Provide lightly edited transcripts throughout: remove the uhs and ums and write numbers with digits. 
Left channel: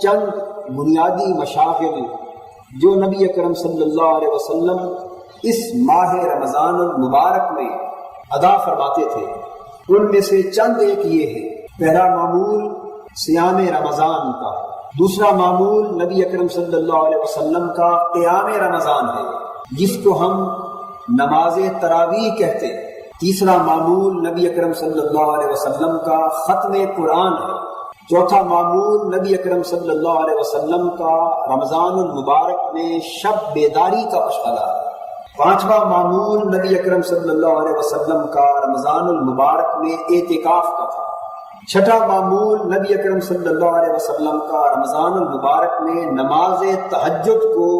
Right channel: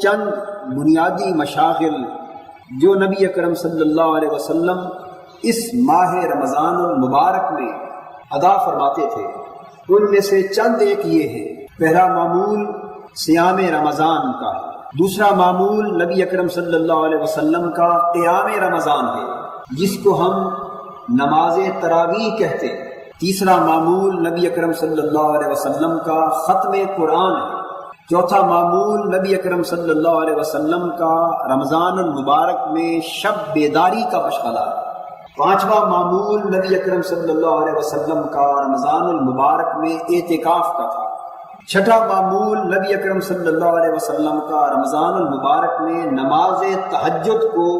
چند بنیادی مشاغل جو نبی اکرم صلی اللہ علیہ وسلم اس ماہ رمضان المبارک میں ادا فرماتے تھے، ان میں سے چند ایک یہ ہے۔ پہلا معمول صیام رمضان کا ہے، دوسرا معمول نبی اکرم صلی اللہ علیہ وسلم کا قیام رمضان ہے جس کو ہم نماز تراویح کہتے ہیں، تیسرا معمول نبی اکرم صلی اللہ علیہ وسلم کا ختم قرآن ہے، چوتھا معمول نبی اکرم صلی اللہ علیہ وسلم کا رمضان المبارک میں شب بیداری کا مشغلہ ہے، پانچواں معمول نبی اکرم صلی اللہ علیہ وسلم کا رمضان المبارک میں اعتکاف کا تھا، چھٹا معمول نبی اکرم صلی اللہ علیہ وسلم کا رمضان المبارک میں نماز تہجد کو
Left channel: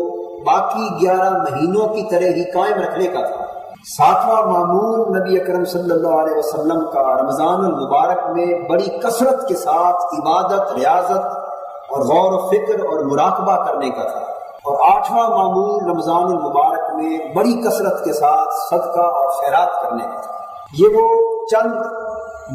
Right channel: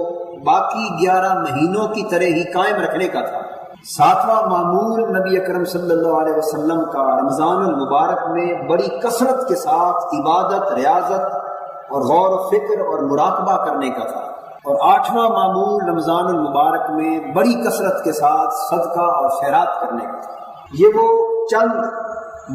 باقی 11 مہینوں کی طرح ہی قائم رکھنے کا تھا، ساتواں معمول نبی اکرم صلی اللہ علیہ وسلم کا رمضان المبارک میں بڑی کثرت کے ساتھ عبادت، ریاضت اور غور و فکر اور مراقبہ کرنے کا تھا، اور آٹھواں معمول رمضان المبارک میں بڑی کثرت کے ساتھ صدقہ اور خیرات کرنے کا تھا۔ یہ وہ چند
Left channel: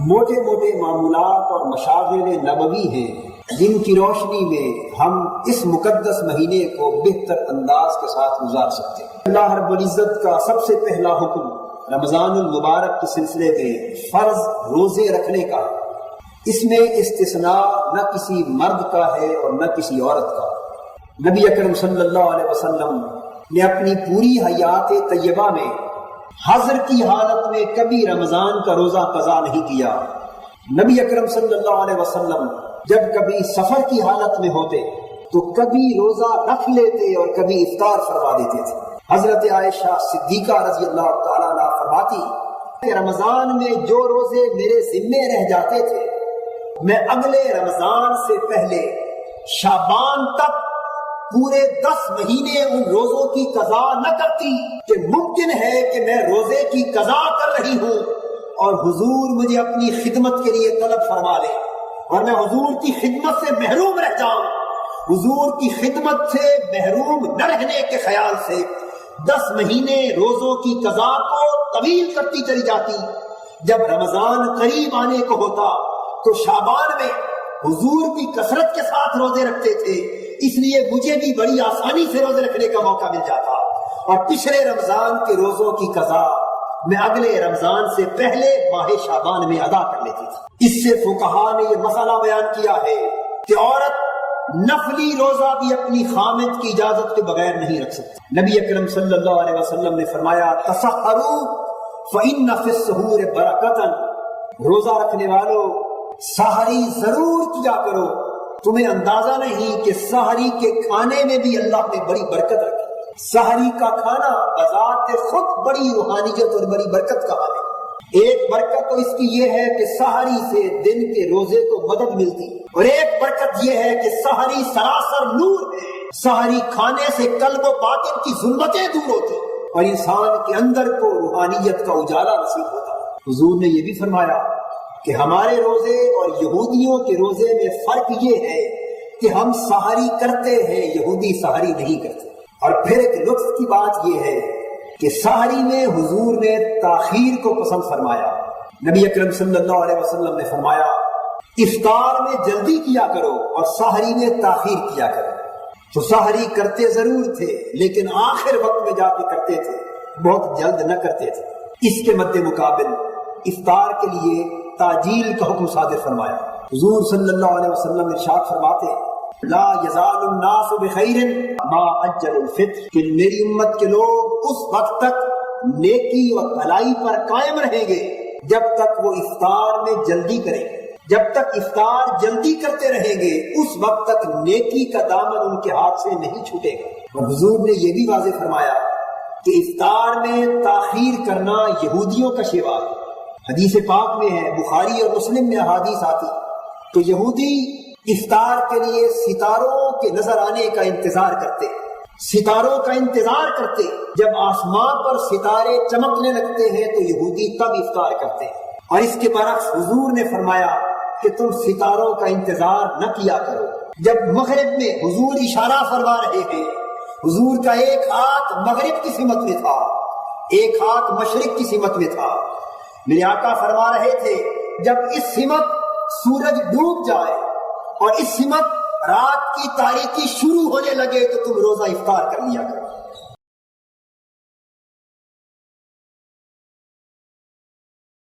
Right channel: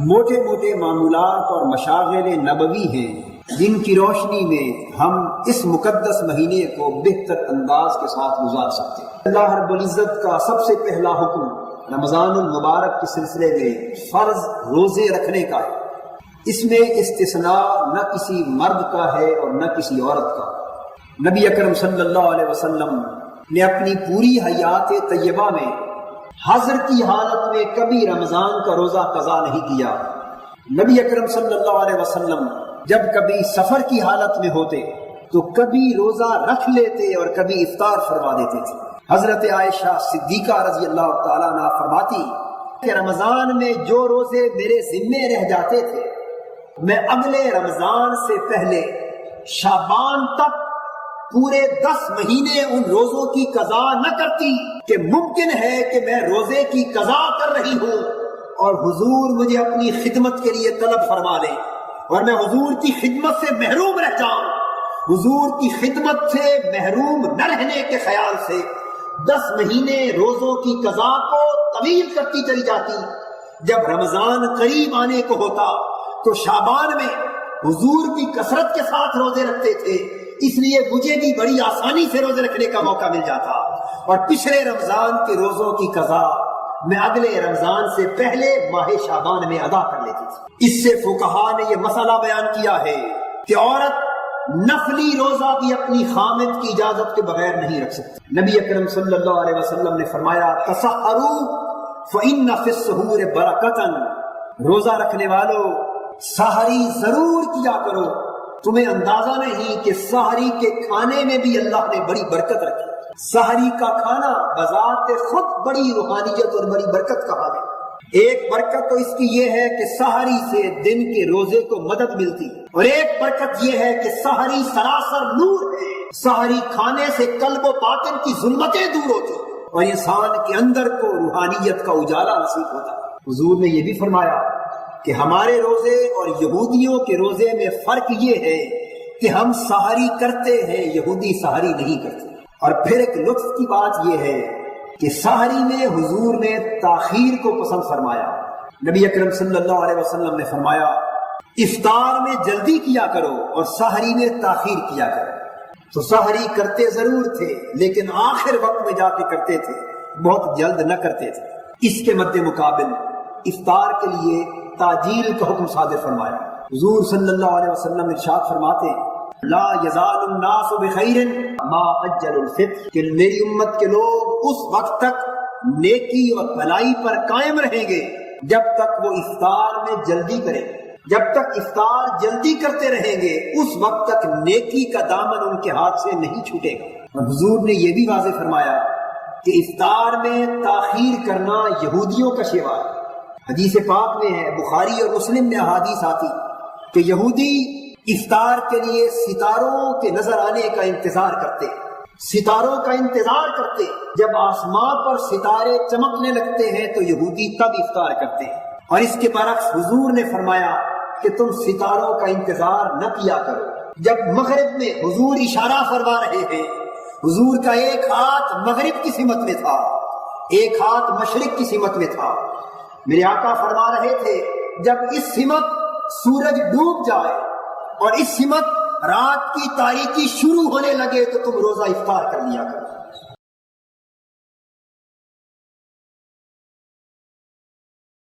موٹے موٹے معمولات اور مشاغل نبوی ہیں جن کی روشنی میں ہم اس مقدس مہینے کو بہتر انداز کے ساتھ گزار سکتے ہیں۔ اللہ رب العزت کا سب سے پہلا حکم رمضان المبارک کے سلسلے میں فرض روزے رکھنے کا ہے، اس میں استثناء نہ کسی مرد کا ہے اور نہ کسی عورت کا۔ نبی اکرم صلی اللہ علیہ وسلم نے اپنی پوری حیات طیبہ میں حضر کی حالت میں کبھی رمضان کا روزہ قضا نہیں کیا۔ نبی اکرم صلی اللہ علیہ وسلم جب کبھی سفر کی حالت میں ہوتے تو کبھی روزہ رکھ لیتے اور کبھی افطار فرما دیتے تھے۔ حضرت عائشہ صدیقہ رضی اللہ تعالیٰ عنہ فرماتی کہ رمضان میں جو روزے میرے ذمے رہ جاتے تھے میں اگلے رمضان سے پہلے شعبان تک پورے 10 مہینے ان روزوں کی قضا نہ کرتی کہ ممکن ہے کہ میں روزے کی قضا کر رہی ہوں اور حضور مجھے اپنی خدمت کے لیے طلب فرما لے اور میں حضور کی خدمت سے محروم رہ جاؤں۔ حضور کی خدمت سے محروم نہ رہنے کے خیال سے 10 مہینے روزوں کی قضا کو طویل کرتی چلی جاتی۔ جب رمضان قریب آنے کو ہوتا تو شعبان میں حضور کی کثرت کے ساتھ روزے رکھتے تھے، اس لیے مجھے بھی بڑی آسانی سے روزے رکھنے کا موقع مل جاتا اور پچھلے رمضان کے روزوں کی قضا میں اگلے رمضان سے پہلے ماہ شعبان میں ادا کر لیتی تھی۔ اس سے فقہا نے یہ مسئلہ بیان کیا ہے کہ عورت نفلی روزہ بھی اپنی خامد کی اجازت کے بغیر نہیں رکھ سکتی۔ نبی اکرم صلی اللہ علیہ وسلم نے فرمایا تسحروا فإن فی السحور برکۃ، روزہ رکھنے والو سحری ضرور کیا کرو، تمہیں اندازہ نہیں کہ سحری کے کھانے میں بھی اللہ نے بڑی برکت رکھی۔ سحری کا کھانا بذات خود بڑی روحانیت اور بڑی برکت کا حامل۔ ایک برکت تو اس کی یہ ہے کہ سحری سے دن کے روزے کو مدد ملتی، اور ایک برکت یہ ہے کہ سحری سراسر نور ہے، سحری کھانے سے قلب و باطن کی ظلمتیں دور ہوتی اور انسان کے اندر کو روحانیت کا اجالا نصیب ہوتا۔ حضور نے یہ بھی فرمایا کہ ہمارے روزے اور یہودیوں کے روزے میں فرق یہ ہے کہ ہم سحری کرتے ہیں، یہودی سحری نہیں کرتے۔ اور پھر ایک لطف کی بات یہ ہے کہ سحری میں حضور نے تاخیر کو پسند فرمایا۔ نبی اکرم صلی اللہ علیہ وسلم نے فرمایا افطار میں جلدی کیا کرو اور سحری میں تاخیر کیا کرو۔ تو سحری کرتے ضرور تھے لیکن آخر وقت میں جا کے کرتے تھے، بہت جلد نہ کرتے تھے۔ اس کے مد مقابل افطار کے لیے تاجیل کا حکم صادر فرمایا۔ حضور صلی اللہ علیہ وسلم ارشاد فرماتے لا یزال الناس بخیر ما اجل الفطر، کہ میری امت کے لوگ اس وقت تک نیکی اور بھلائی پر قائم رہیں گے جب تک وہ افطار میں جلدی کریں، جب تک افطار جلدی کرتے رہیں گے اس وقت تک نیکی کا دامن ان کے ہاتھ سے نہیں چھوٹے گا۔ اور حضور نے یہ بھی واضح فرمایا کہ افطار میں تاخیر کرنا یہودیوں کا شیوا ہے۔ حدیث پاک میں ہے، بخاری اور مسلم میں احادیث آتی کہ یہودی افطار کے لیے ستاروں کے نظر آنے کا انتظار کرتے، ستاروں کا انتظار کرتے، جب آسمان پر ستارے چمکنے لگتے ہیں تو یہودی تب افطار کرتے ہیں۔ اور اس کے برعکس حضور نے فرمایا کہ تم ستاروں کا انتظار نہ کیا کرو۔ جب مغرب میں حضور اشارہ فرما رہے ہیں، حضور کا ایک ہاتھ مغرب کی سمت میں تھا، ایک ہاتھ مشرق کی سمت میں تھا، میرے آقا فرما رہے تھے جب اس سمت سورج ڈوب جائے اور اس سمت رات کی تاریکی شروع ہونے لگے تو تم روزہ افطار کر لیا کرو.